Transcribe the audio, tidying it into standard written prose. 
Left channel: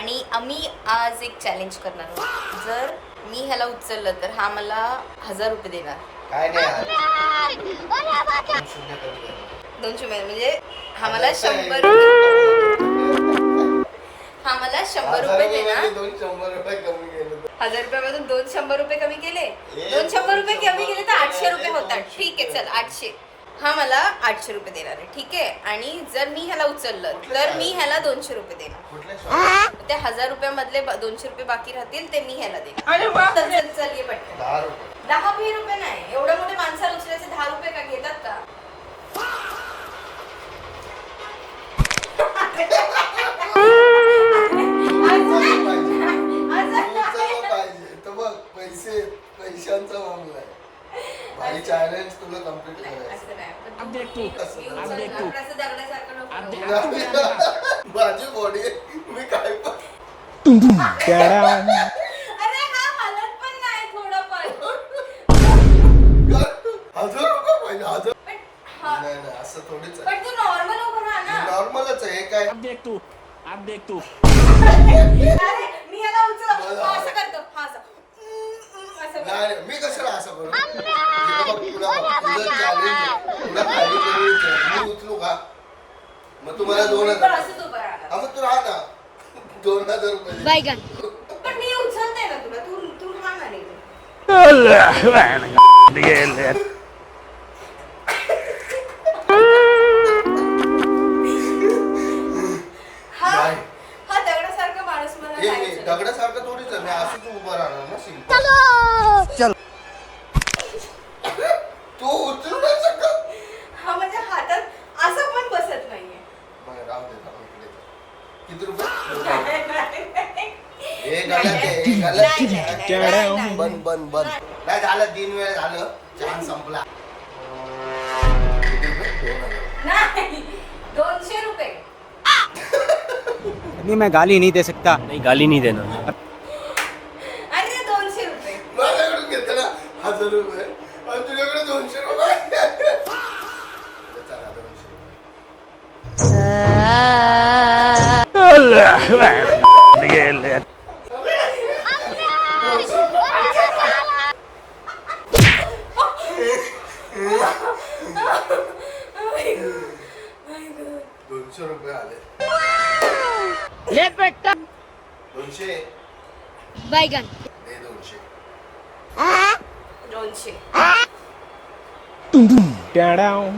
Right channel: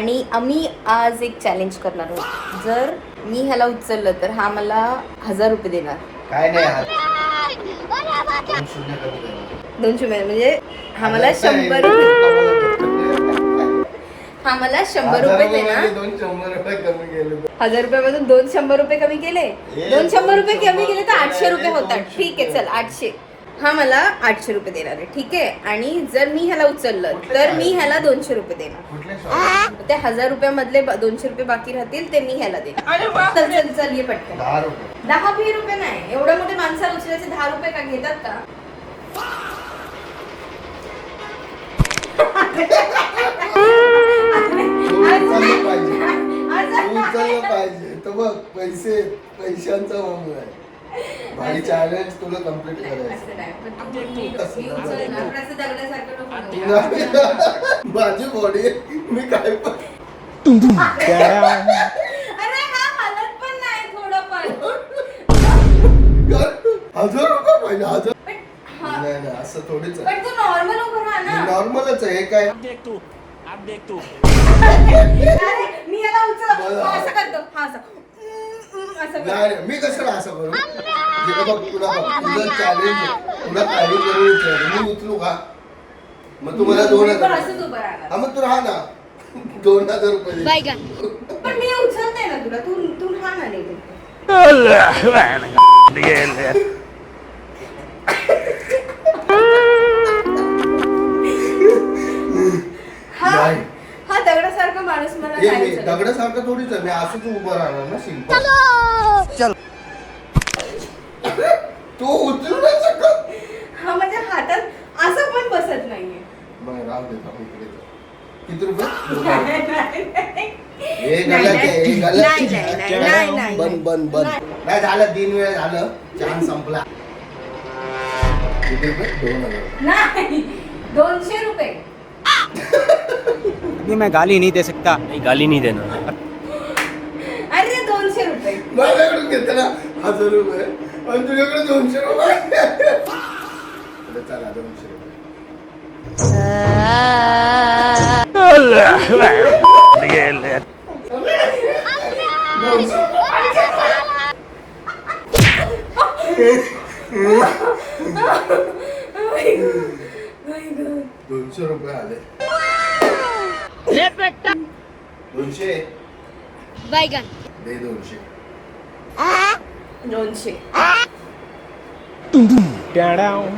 आणि आम्ही आज एक चॅलेंज करणार आहोत. जर मी ह्याला उचललं तर हा मला 1000 रुपये देणार. काय नाही 200 म्हणजे हा मला 100 हा मला 100 रुपये देणार. 1000 रुपयामधून 200 रुपये कमी केले. 200 रुपये कमी केले तर 800 रुपये होतात. ठीक आहे चल 800. हा मला 800 रुपये देणार आहे. ठीक आहे. आणि जर मी ह्याला उचललं तर मी ह्याला 200 रुपये देणार. ते 1000 रुपयामधले 200 रुपये बाकी राहतील ते मी ह्याला देणार. चल चल ये पटकन. 10-20 रुपये नाही. एवढ्या मोठे माणसाला उचलायचे 10 रुपये का घेतात का? पैशांचा मामला आहे. भारी चॅलेंज तुला कम्प्लीट करायचं. माझी बॉडी मी काय पण हजार रुपये पाहिजे. हजार नाही असं थोडीच आहे. नॉर्मलच आहे काय. नाही मी कशाला असं करू. मी उचलू का मग तुम्हाला 2000. हा मग तू राहा ना 2000 रुपये. पण मी उचलते ना तुला. तू हा ना नाही. हा दगडासारखा माणूस मला दगडासारखं थोडीच आहे. मी असंच उभं राहणार ना शिल्प. चल तू उचलू नाही शकत. हा माझ्या हातात असं पण बसत नाहीये. बरं राहू दे इकडे. किती रुपये? बंद बंद बंद नाही झालं. 3 वेळ झालं. चान्स संपला. किती रुपये? 2000. नाही 200 रुपये. अभी मैं गाली नहीं दे सकता. नहीं गाली नहीं देना. अरे 200 रुपये. माझ्याकडून घेते ना 1000 रुपये आणि तुझ्याकडे 200 रुपये. चला 200 रुपये. $200 रुपये आले. 200 बैगन दे 200. 200. Down.